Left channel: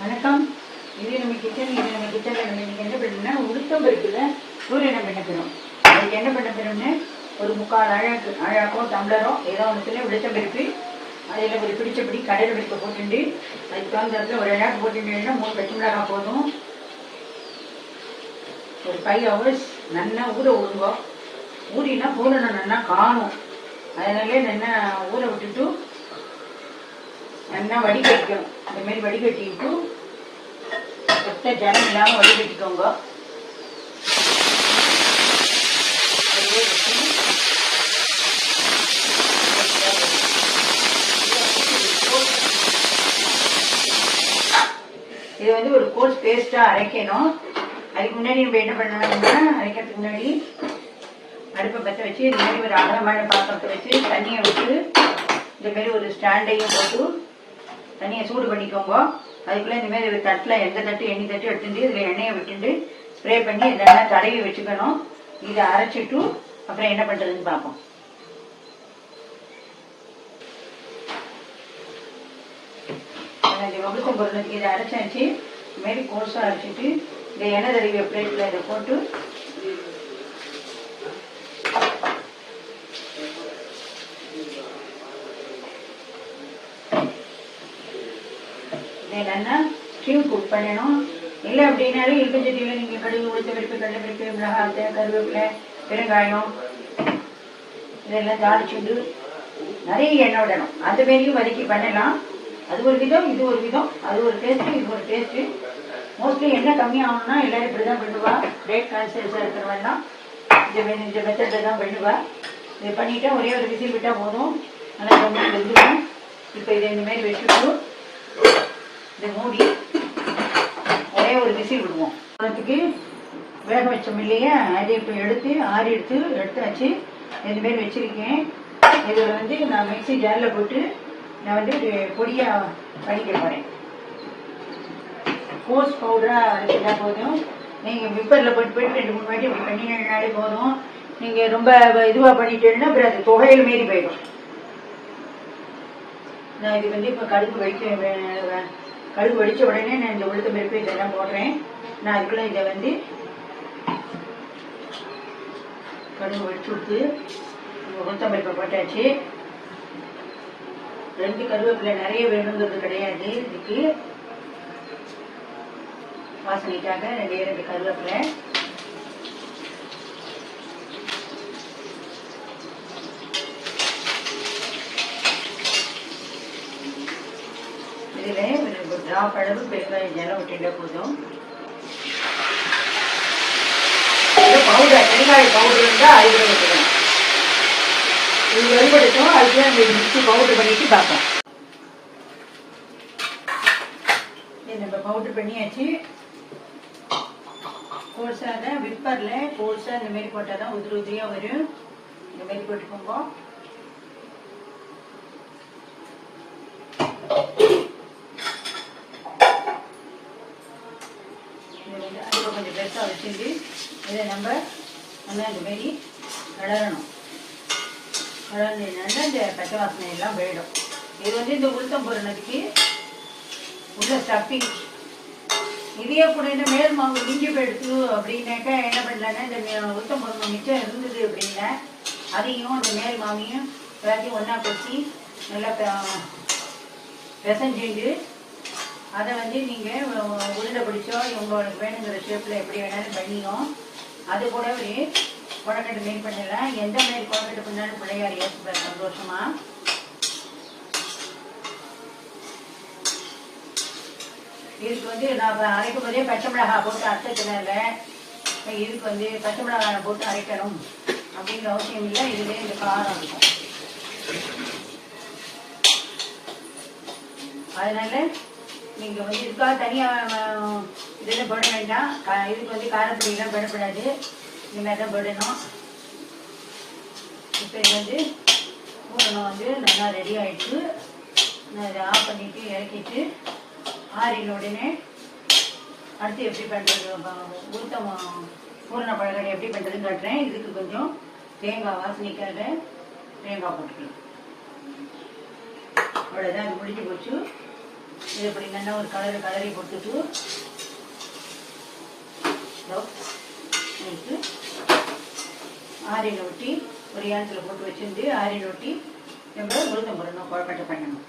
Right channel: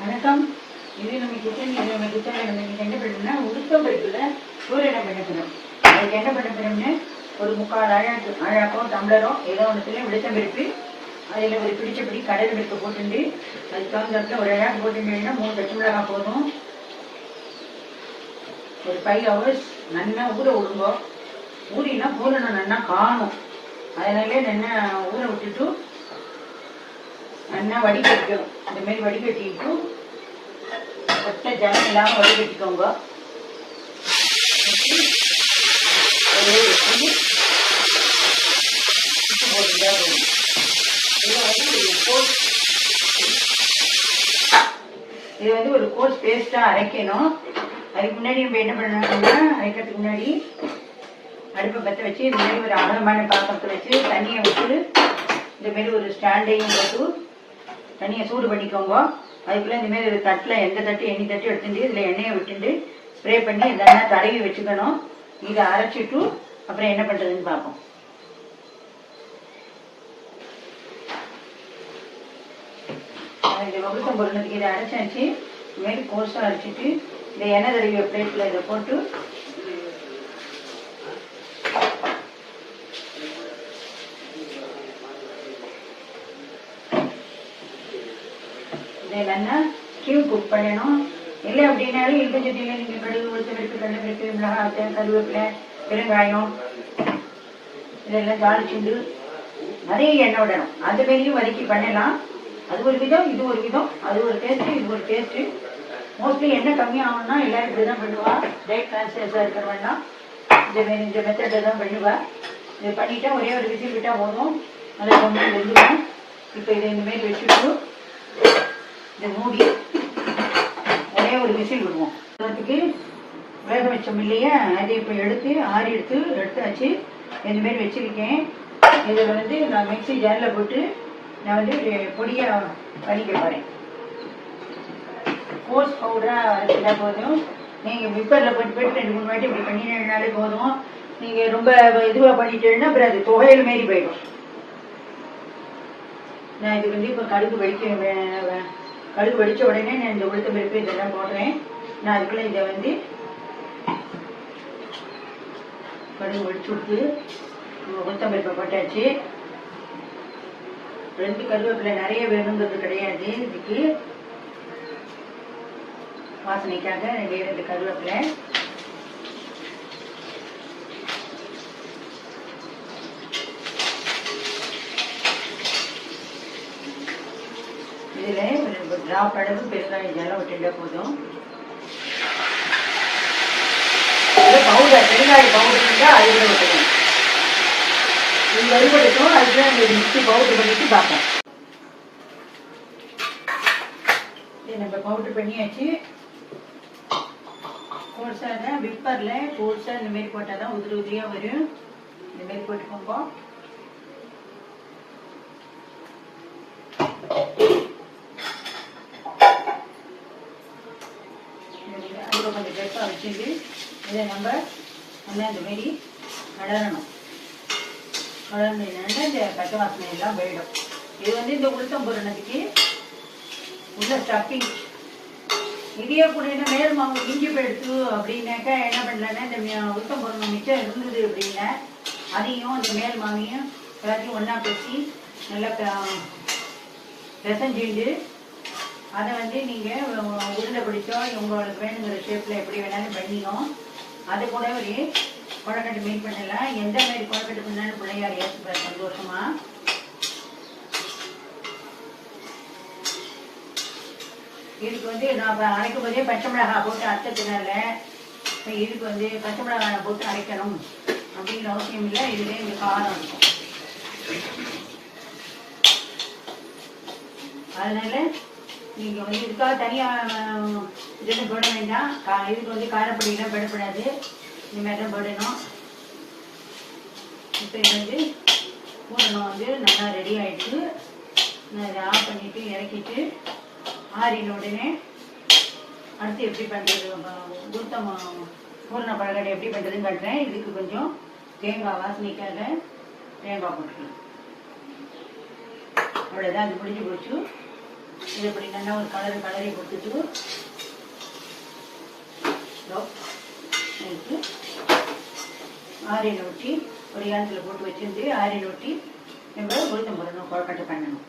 வணக்கம். இது நம்ம கிச்சனில் நம்ம இன்னைக்கு என்ன பண்ணணும்னா உளுத்தம் பருப்புல சூரியனை பண்ண போகிறோம். அதுக்கு என்ன பண்ண போகிறோம்னு ஒரு 3/4 அழாக்கோ டம்ளரோ ஏதோ ஒன்றுத்துல உளுத்தம் பருப்பு, அதில் ஒரு பிடிச்சபடி கடலை பருப்பு போட்டுட்டு அதுக்கு தகுந்த ஒரு அழாக்கு போட்டுட்டேன்னா 3 பச்சை மிளகாய் போதும். ஒரு 5 hours நல்லா ஊற விடுங்க. ஊறினா பூரணம் நல்லா காணும். அதனால நல்லா ஊற விட்டுட்டு நல்லா வடிகட்டிக்கணும். இந்த மாதிரி வடிகட்டிட்டு கொத்த ஜனம் இல்லாமல் வடிகட்டிக்கோங்க. இது வந்து ஒரு கோர்ஸ் பேஸ்டா அரைக்கணும். அதுக்கு முன்னாடி நம்ம என்ன பண்ணணும்னா, அரைக்கிறதுக்கு முன்னாடி அடுப்பை பற்ற வச்சு இது மாதிரி ஒரு அகலமான பாத்திரத்தை வச்சு தண்ணியை விட்டு இந்த மாதிரி ஒரு ஸ்டாண்டையும் போட்டு தண்ணியை சூடு பண்ணிக்கோங்க. அதுக்குள்ள இந்த மாதிரி ஒரு தட்டில் எந்த தட்டு எண்ணி தட்டு எடுத்துட்டு இதில் எண்ணெயை விட்டுட்டு ஸ்ப்ரே பண்ணி இதெல்லாம் தடவி வச்சுக்கணும். இதை அரைச்சிட்டு அப்புறம் என்ன பண்றதுன்னு பார்ப்போம். இந்த வகுத்தம் பொருளுக்கு இதை அரைச்சாச்சு. இந்த மாதிரி கோர்ஸா அரைச்சிட்டு இந்த எண்ணெய் தடவிய பிளேட்ல இதை போட்டு இல்லைன்னா ஸ்டீவ் குக் பண்ணணும். இல்லை அப்படின்னாலும் இருக்க சட்டியில நீங்க கடுகு, உளுத்த பருப்பு, கடலைப்பருப்பு, மிளகாய், கருவேப்பிலை, பெருங்காயம் இதெல்லாம் தாளிச்சுண்டு நிறைய எண்ணெய் விடணும். அந்த மாதிரியும் வதக்கி பண்ணலாம். அது ஒரு விதம், இது ஒரு விதம். அது ஒரு டேஸ்ட், இது ஒரு டேஸ்ட். மோஸ்ட்லி எண்ணெய் கம்மியாகணும்னா எல்லாரும் இப்படிதான் பண்ணுவா. டேட் கான்சியஸா இருக்கிறவெல்லாம் இந்த மெத்தட்ல தான் பண்ணுவா. இது பண்ணிட்டா ஒரே ஒரு விசில் விட்டா போதும். அதை ரொம்ப வெந்துடும். இப்போ இதை இந்த மாதிரி வச்சுட்டு இதை மூடி ஒரே ஒரு விசில் விடுவோம். அதுக்கு வேக வச்சோம் இல்லையா, அதை இப்போ எடுத்து ஆறி எடுத்து வச்சு இந்த மாதிரி வச்சிருக்கேன். இதில் வந்து நான் மிக்சி ஜாரில் போட்டு நான் வந்து பொடியா பண்ணிக்க போறேன். கோர்ஸ் பவுடரா அரைச்சா போதும். நீங்க விப்பர்ல போட்டு 2-3 வாட்டி இப்படி பண்ணினாலே போதும். நீங்க ரொம்ப இதுவா பண்ணிட்டேன்னா அப்புறம் அது தொகையில் மாரி போயிடும். நான் இது வந்து இப்போ கடுகு வெடிச்ச உடனே நான் இந்த உளுத்தம் பருப்பு இதெல்லாம் போடுறேன். நான் அதுக்குள்ள இதை வந்து கடுகு வெடிச்சு விட்டு உளுத்தம் பருப்பை போட்டாச்சு. 2 கருவேப்பிலை நிறைய வேணுங்கிறது கிடையாது. இதுக்கு வாசனைக்காக 2 கருவேப்பிலை. இதுல ஒரு டிராப் அளவு பெருங்காயம் ஜலம் விட்டுட்டா போதும். பவுடர் பெருங்காய பவுடர் இருந்தா அதுல விட்டுடும். இது வறுபடுத்தும். அதுதான் மிக்சி பவுடர் பண்ணிட்டு பார்ப்போம். நம்ம பவுடர் பண்ணியாச்சு. கோர்ஸா விப்பர்ல கோர்ஸா இந்த மாதிரி போட்டாதான் உதிரியா வரும். இந்த மாதிரி போட்டுக்கோங்க. அதுக்கு கொஞ்சம் பெருசா வச்சுட்டு இதை நம்ம நல்லா இந்த மாதிரி வளரணும். வளர்ந்ததுனால இந்த பச்சை வாசனை எல்லாம் போயிடும். இது வந்து இந்த உளுத்தம் பொருளுக்கு உள்ள ஸ்டப்பிங். இதே கூட மேல் மாவு இஞ்சி போயிடுச்சு அப்படின்னாக்கா என்ன பண்ணலன்னா, இந்த உளுத்தம் பொருள் மிச்சம் இருந்தது அப்படின்னா அதையும் அந்த மேல் மாவையும் எல்லாத்தையும் ஒன்னா கொட்டி நல்லா பிசைஞ்சிட்டு அதை வந்து நீங்க உருண்டை பிடிச்சோ உங்களுக்கு வேணுங்கிற ஷேப்ல எப்படி வேணாலும் பண்ணிடும். அது கூட ஒரு கொழக்கட்டை மேக் பண்ணலாம். எந்த மாதிரி கொழக்கட்டை பண்ணாலும் பிள்ளையார் ஏற்றுப்பார் சந்தோஷமா. இதுக்கு வந்து நான் அரைக்கும் போதே பச்சை மிளகாய் போட்டு அரைச்சது மேல இதுக்கு வந்து பச்சை மிளகாய் போட்டு அரைக்கணும் அப்படிங்கிற அவசியம் இல்லை. இதுவே இந்த காரம் இருக்கும். அதனால நீங்க வந்து இதுக்காக தனியா இதெல்லாம் போட வேண்டாம். இதுக்கு வந்து காரப்பொடி எல்லாம் போடக்கூடாது. இந்த மாதிரி தான் போடணும். இப்போ இது வந்து பூரணம் வந்து நல்லா ரெடி ஆயிடுச்சு. நான் இதை ஆஃப் பண்ணிட்டு இறக்கிட்டு ஆறின உடனே அடுத்து எப்படி பண்றது, உளுத்தம் பூரண பழக்கடை எப்படி பண்றதுன்னு காட்டுறேன். இதுக்கு கொஞ்சம் தேங்காய் வாசனைக்காக தேங்காய் போட்டுக்கலாம். அவ்வளவுதான். அது முடிஞ்சு போச்சு. இது எப்படி நல்லா ஒரு கலரி கொடுத்துட்டு ஆரியில் ஒட்டி ஒரு ஏனத்தில் போட்டு வச்சிருந்து ஆரியில் ஒட்டி நம்ம உளுத்தம் போடணும், கொழக்கட்டை பண்ணணும்.